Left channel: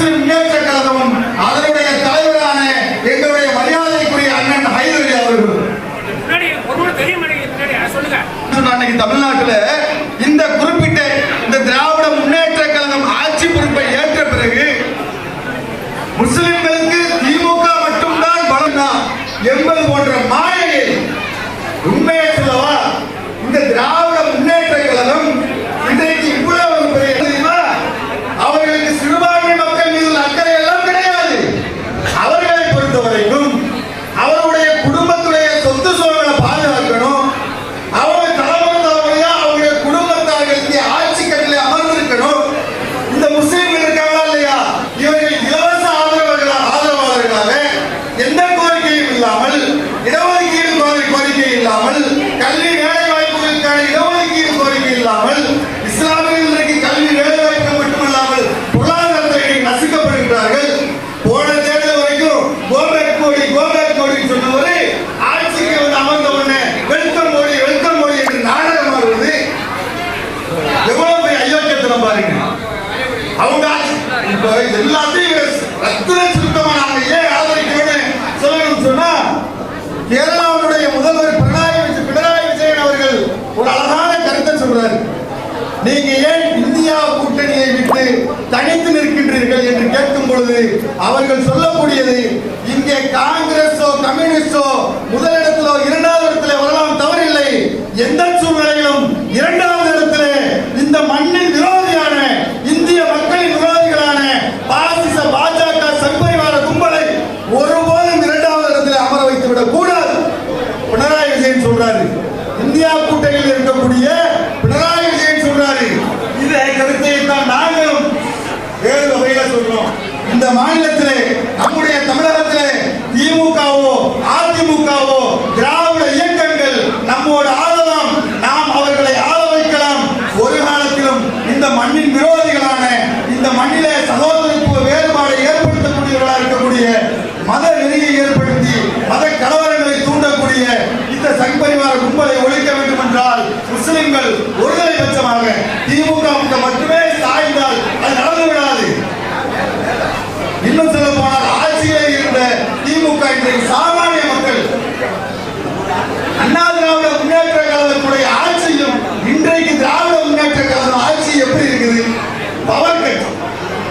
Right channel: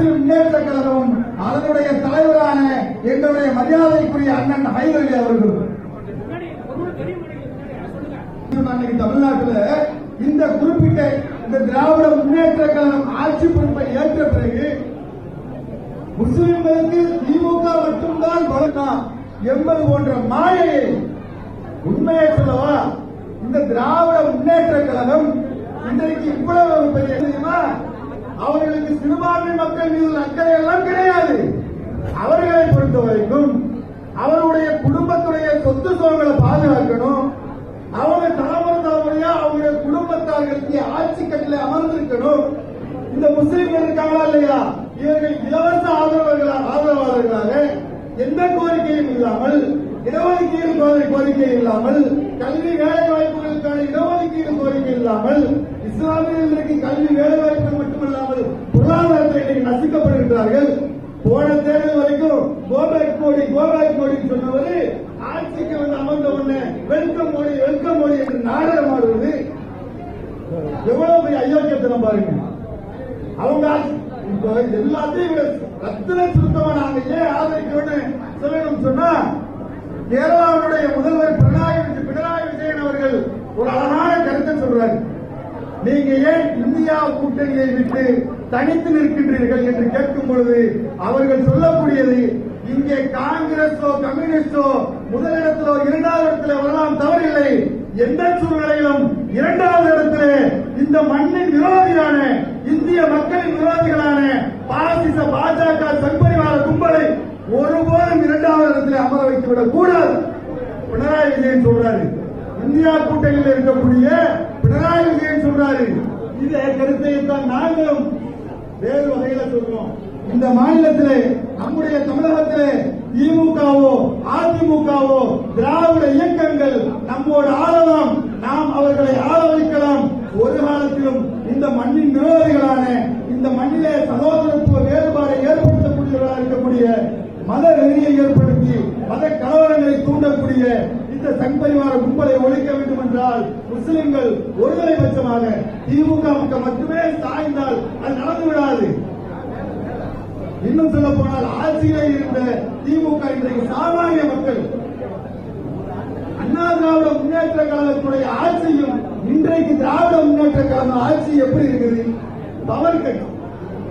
முஸ்லிம் முன்னேற்ற அதனுடைய தலைவரான எங்களுடைய மரியாதைக்குரிய அண்ணன் ஹைதரி அவர்கள். அன்னைக்கு இந்த குறிப்பிட்ட இந்த திராவிட முன்னேற்ற கழகம் ஆட்சி பொறுப்பை ஏற்ற பிறகு முஸ்லிம்களுக்கு திமுக மட்டும்தான் பலம் தான் என்பது போன்ற இல்லாமல் இடஒதுக்கீடு கோரி- கோரிக்கை இல்லாமல் கல்வி வேலை வாய்ப்புகளுக்கான இடஒதுக்கீடு கோரிக்கை இல்லாமல் இஸ்லாமியர்களுக்கு கல்வி வேலை வாய்ப்பு மட்டுமல்லாமல் பொருளாதாரத்தை நசுக்கப்படுகிறார்கள். போன தேர்தல் வரைக்கும் go back Modi go back Modi சொன்னவரு ஆட்சிக்கு வந்து அமர்ந்த உடனே வெல்கம் மோடி வெல்கம் மோடி என்று நாடகம் ஆடுவது. எவ்வளவு அயோக்கியத்தனம் பாருங்க. அவங்க இப்ப எல்லாத்தையும் ரத்தின கேரளாவுடைய முதல்வர் பினராயி விஜய் பினராயி விஜயன் அவர்கள் ஒரு அழகான கருத்தை சொல்றார். நீங்க ஏன் இந்தியா கூட்டணியை விட்டு தனித்து நிற்கின்றீர்கள் என்று கேட்கும் பொழுது அவர்கள் கூட்டணியில் இருக்கக்கூடிய பினராயி விஜயன் சொல்றாரு. இதை கருத்தை தான் நாங்களும் வேறு வகையில சொல்றோம். இந்த மாநிலத்திலே நம்முடைய தமிழகத்திலே திமுகவோ அதிமுகவோ திராவிட இயக்கங்கள் நம்மோடு ஆளலாம். நாம் அவர்களை ஆத வைக்கலாம். ஒரு காலத்திலும் இந்த மண்ணின் விரோதிகளான இந்த மண்ணிலே சகோதரத்துவ வேறுபாடு ஏற்படுத்தக்கூடியவர்களாக இருக்கக்கூடிய மத நெறியை ஏற்படுத்தி மத கடவுள் சாமானிய மக்கள் அண்ணா திராவிட முன்னேற்ற கழகத்துடைய ஆட்சியும் இன்றைக்கு திராவிட முன்னேற்ற கழகம் ஆட்சி எப்படி இருக்குது? பவர் கட்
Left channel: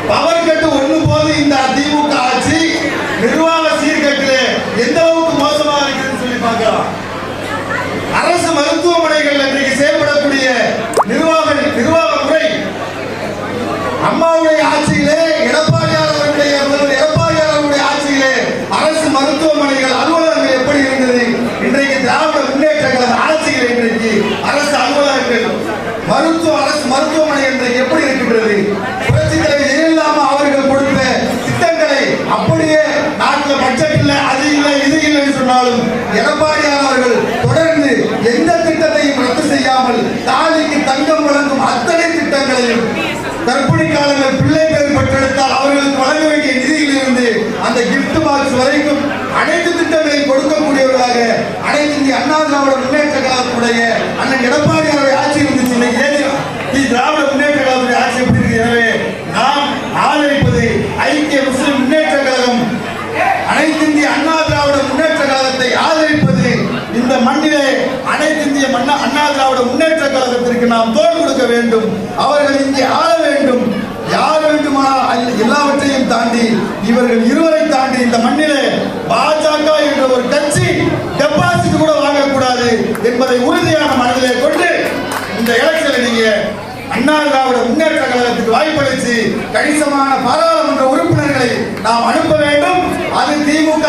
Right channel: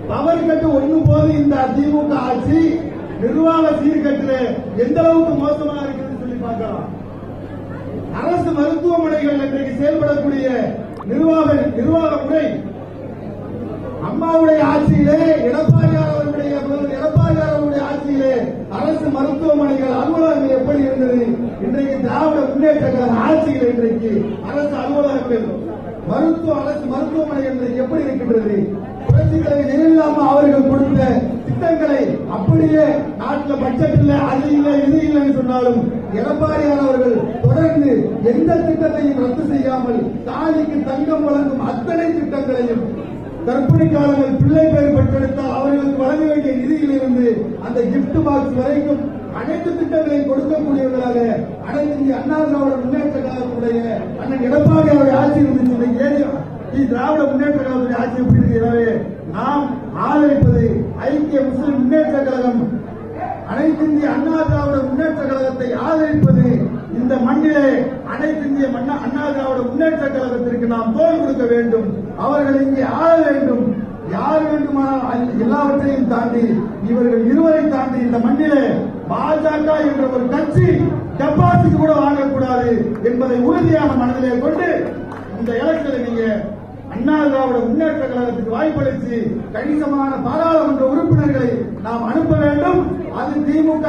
பவர் கட்டு ஒண்ணு போது இந்த திமுக ஆட்சி நிர்வாக சீர்கட்டிலே எந்த அளவுக்கு மோசமாக இருக்குதுன்னு சொல்லி பார்க்கலாம். அரசு மருத்துவமனைகள் இன்றைக்கு செயல்படக்கூடிய நிர்வாக நிர்வாக முறை அம்மாவுடைய ஆட்சியிலே எந்த திட்டத்தையும் ரத்து செய்யாமல் தாலிக்கு தங்கம் வழங்கும் அத்தனை திட்டங்களையும் கர்ப்பிணி காலங்கள் பிள்ளை அண்ணா திராவிட முன்னேற்ற கழகத்துக்கு வாய்ப்பளித்து கணிசமான பாராளுமன்ற உறுப்பினர்களை நாம் அனுப்ப வேண்டும். அது திமுக